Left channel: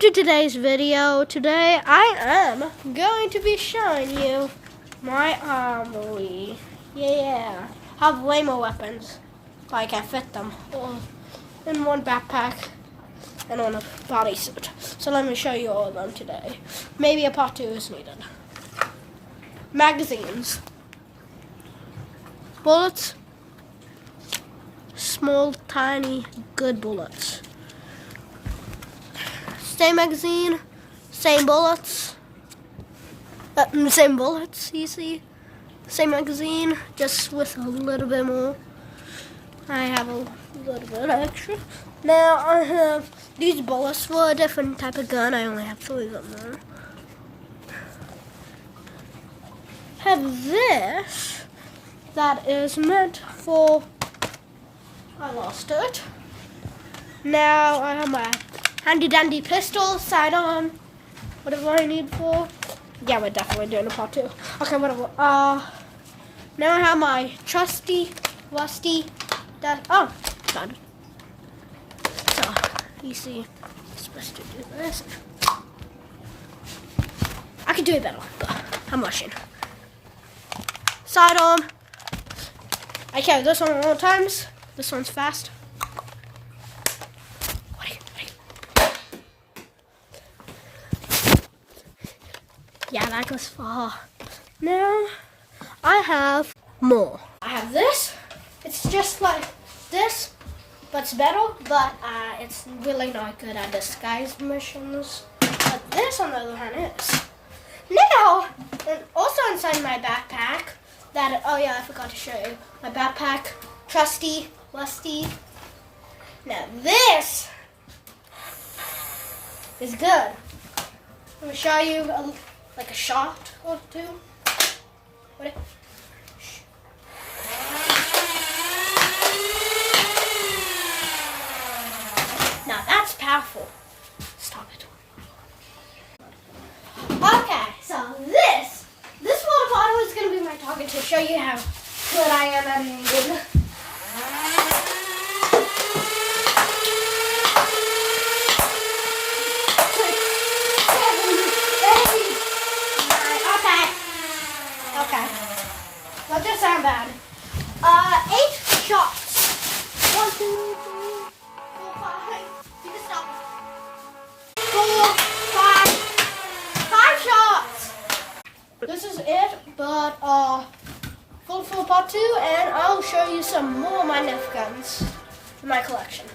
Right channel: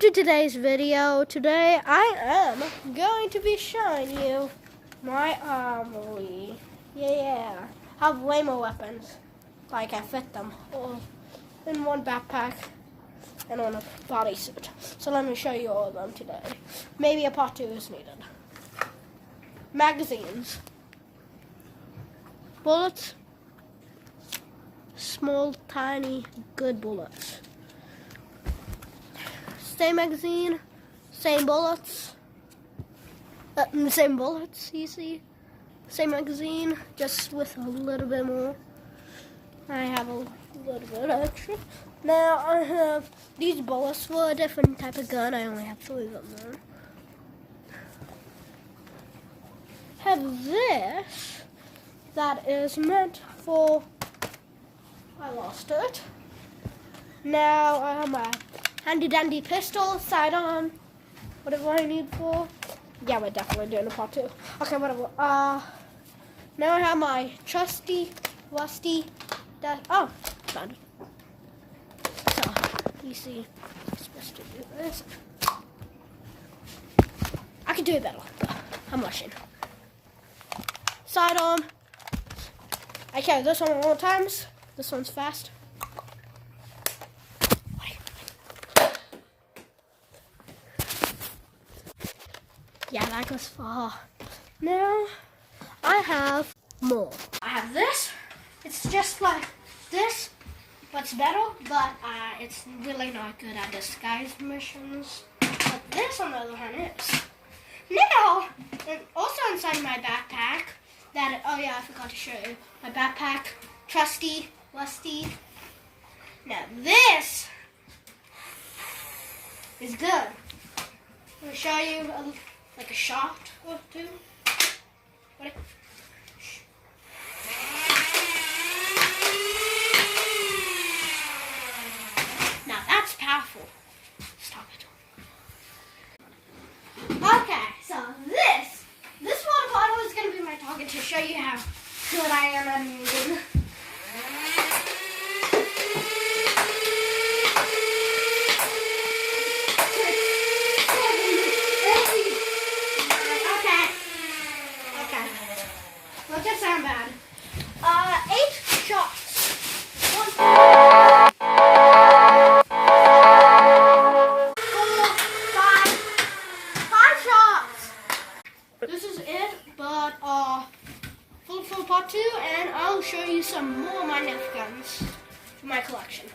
to today's video. Today I am going to be showing you my armory. Yeah, I have way more weapons, but I can fit them all in one backpack and on a bodysuit. So let me show you all of them today. Maybe a part 2 is needed. Magazines. Bullets. Small, tiny, good bullets. Same magazine, same bullets. Same bullets, you see. Same magazine, just with a little bit more. I have a little bit extra. Now I have these bullets for a different type of gun. I only have 3 of them now. Have this that is meant for. I lost it. Now I have my handy dandy pistol, sidearm, whatever I need for. Yeah, we're definitely doing a part 2. Okay, whatever. Now I have my trusty, rusty, done. So, you see, I'm supposed to do this. I can do it better, but I'm rushing. Sidearm. I carry this one all times. This one's fast. Yeah, that goes far. Now, I have more. I have this. It's just like this, but it's better, but it's really not good at disguise missions. But this, on the other hand, is. Now, and also inside my backpack, oh yeah, I forgot to show you. My backpack, trusty, rusty. Now this is good. I'm going to show you like a shot or two. Ready? Now that's powerful. Stop it. Okay, so this water bottle is going to be my target to show you how good I am at aiming. Well, that sound bad. 8 shots. 1, 2, 4, 5 shots. This is it, but full part 2, and I'll show you some more of my Nerf guns from my collection.